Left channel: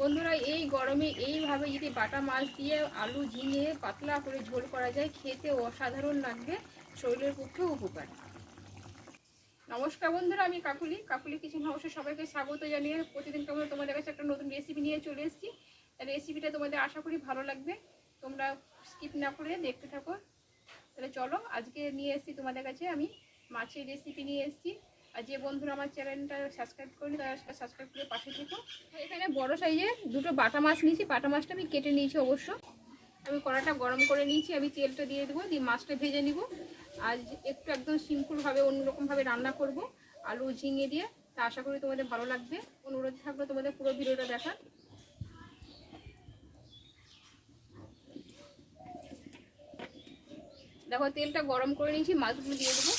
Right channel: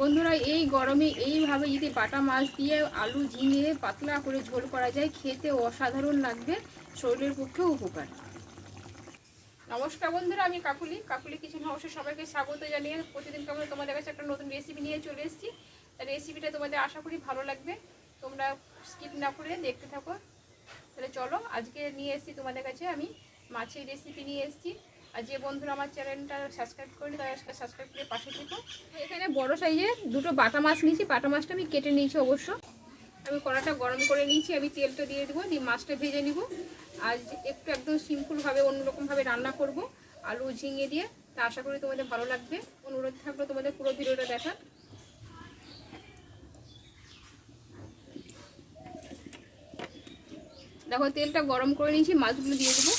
বন্ধুরা, এই গরমে এইভাবে যদি বাটা মাছ দিয়ে আলু ঝিঙে পাতলা করে ঝোল করা যায়, খেতে অসাধারণ লাগবে, শরীরের পক্ষেও উপকার। নমস্কার বন্ধুরা, আমি কাকুলি। কাকুলি কিচেন হাউসে সবাইকে স্বাগত জানিয়ে প্রতিদিন কেমন তোমাদের কাছে একটা নতুন রেসিপি নিয়ে চলে এসেছি। রেসিপিটা তোমাদের আশা করি ভালো লাগবে। তোমরা স্কিপ না করে দেখতে থাকো। তাহলে চলো, আজকে নিয়ে এসেছি তোমাদের কাছে আমি মাছের রেসিপি নিয়ে এসেছি। আর যে বন্ধুরা আমার চ্যানেলটা সাবস্ক্রাইব করেনি, তারা সাবস্ক্রাইব করে পাশে থেকো। এখানে বড় সাইজের দুটো বাটা মাছ নিয়েছি। বাটা মাছটা আমি কেটে নিয়েছি অবশ্য। আমি কড়াটা গরম করে নিয়েছি, আমি তেলটা দিয়ে দেবো, দিয়ে মাছটা ভেজে নিব। আর একটু একদম সিম্পলভাবে, অন্যরকমভাবে রান্না করব। আলু ঝিঙে দিয়ে, তা আশা করি তোমাদের ভালো লাগবে। অনুরোধ থাকল তোমাদের পুরো ভিডিওটা দেখার। দেখো, তেলটা গরম করে নিয়েছি, মাছগুলো দিয়ে দেবো।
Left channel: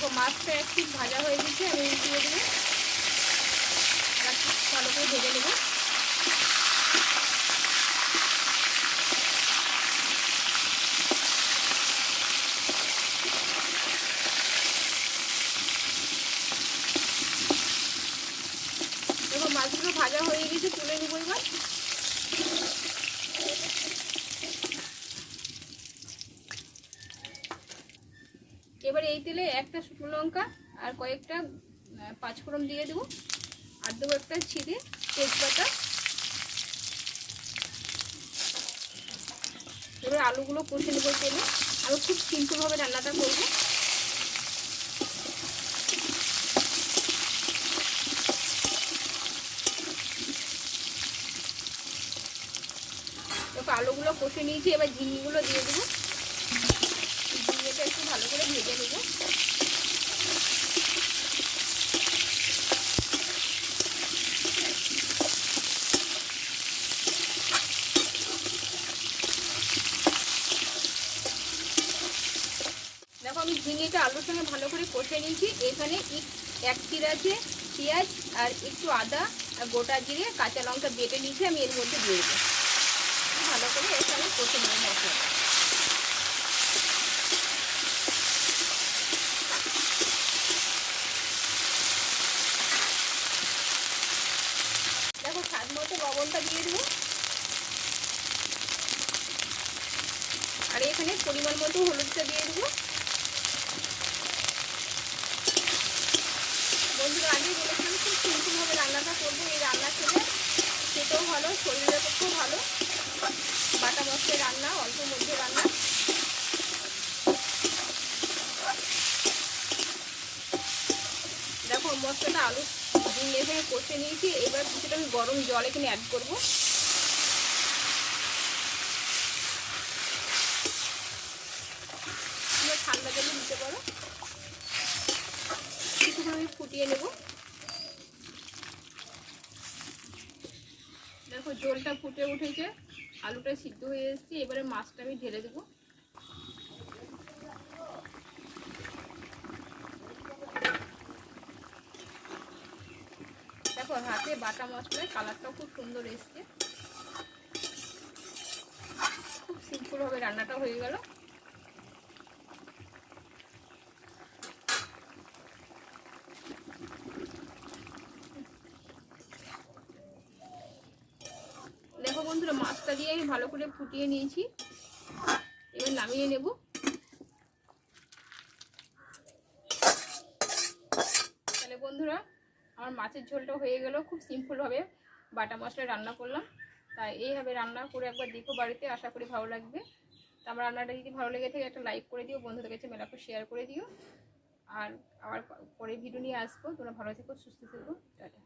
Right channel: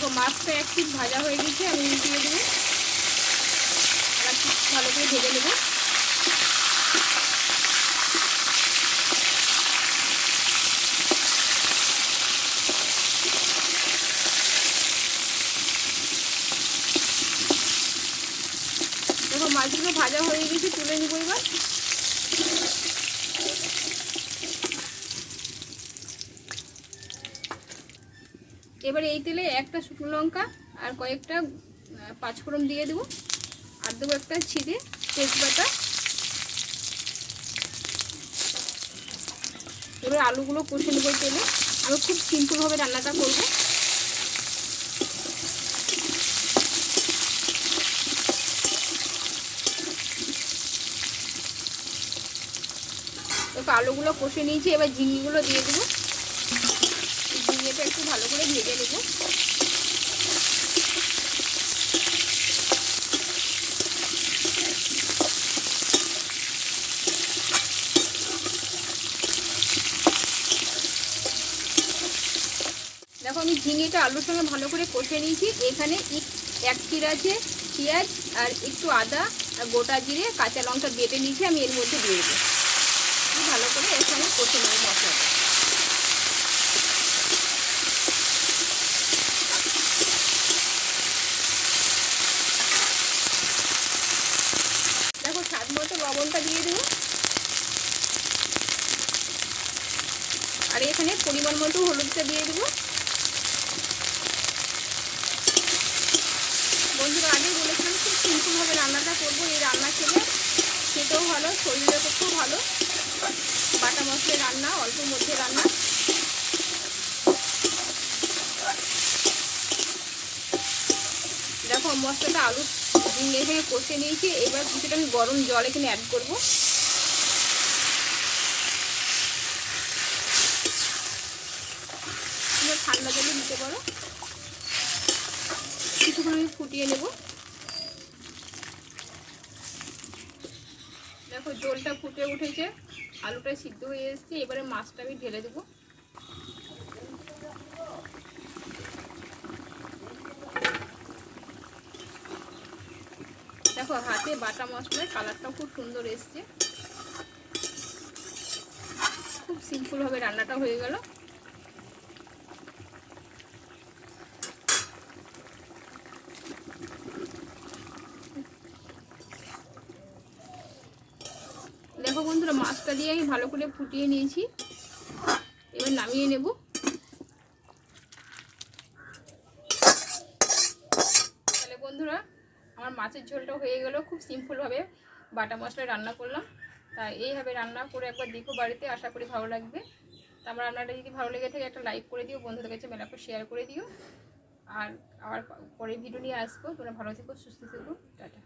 দেখো, মাছটা একটু ভাজা হয়ে গেছে, আমি দিয়ে দেবো। আর ভালো করে ভেজে নেব। মাছগুলো ভাজা হয়ে গেছে, তুলে নিবো এবার। এবার এই তেলে একটা শুকনো লঙ্কা আর কয়েকটা পাঁচফোড়ন দিয়ে দেবো। আর দেবো একটা ছিঁড়ে তেজপাতা। এবার আলুগুলো কষে নেব তেলে। আমি খুব সিম্পলভাবে রান্নাটা করব। দেখো আলুগুলো কষে নিয়েছি, এবার ঝিঙিগুলো দিয়ে দেবো ঝিঙেটা একটু ভালো করে দেখো, আমি ঝিঙেটা আলুর সঙ্গে ভালো করে কষে নিয়েছি। এখানে এক- এক চির আছে, পেঁয়াজ আর একটু আদা আর গোটা জিরে, কাঁচা লঙ্কা বেটে নিয়েছি, আমি এর মধ্যে দিয়ে দেবো। ভালো করে এখানে কষে নেব মশলাটা দেখো স্বাদ মতো লবণটা দিয়ে দেবো। আর এখানে পরিমাণ মতো হলুদটা দিয়ে দেবো। বন্ধুরা, আগেই বলেছিলাম খুব সিম্পলভাবে রান্নাটা করব। এই রান্না খেলে খেতেও ভালো শরীরের পক্ষেও ভালো। বাটা মশলা রান্না, অল্প মধ্যে রান্না। দেখো, মশলাটা আলু দিয়ে এখানে কষে নিয়েছি। এবার কিছুটা আমি গরম জল এখানে অ্যাড করব। ঠান্ডা জলে দিতে পারো। কিছুক্ষণ আমি ফুটিয়ে নেব। দেখো, জলটা ফুটে উঠেছে। আলুটা সিদ্ধ হয়ে এসেছে। এবারে মাছটা আমি ঢেলে দেবো। দেখো হাতে বাটা মশলার কালারটাও খুব সুন্দর এসছে। খুব সিম্পলভাবে রান্নাটা হয়ে গেল। দেখো বন্ধুরা, মাছটা দিয়ে আমি ভালো করে ফুটিয়ে নিয়েছি। এবার নামিয়ে নেব তাহলে বন্ধুরা আমার মাছের ঝোলটা হয়ে গেল, খুব সিম্পলভাবে বাটা মশলা রান্না করলাম। তা এইভাবে রান্না করে একবার দেখো বাড়িতে, আশা করি ভালো লাগবে। তা আমার রান্নাটা যদি ভালো লেগে থাকে, একটা লাইক করে দিও, বন্ধুদের কাছে মেলা করে শেয়ার করে দিও। আর আবার পরে ভিডিও নিয়ে আসব। তোমরা ভালো থেকো, সুস্থ থেকো। টাটা।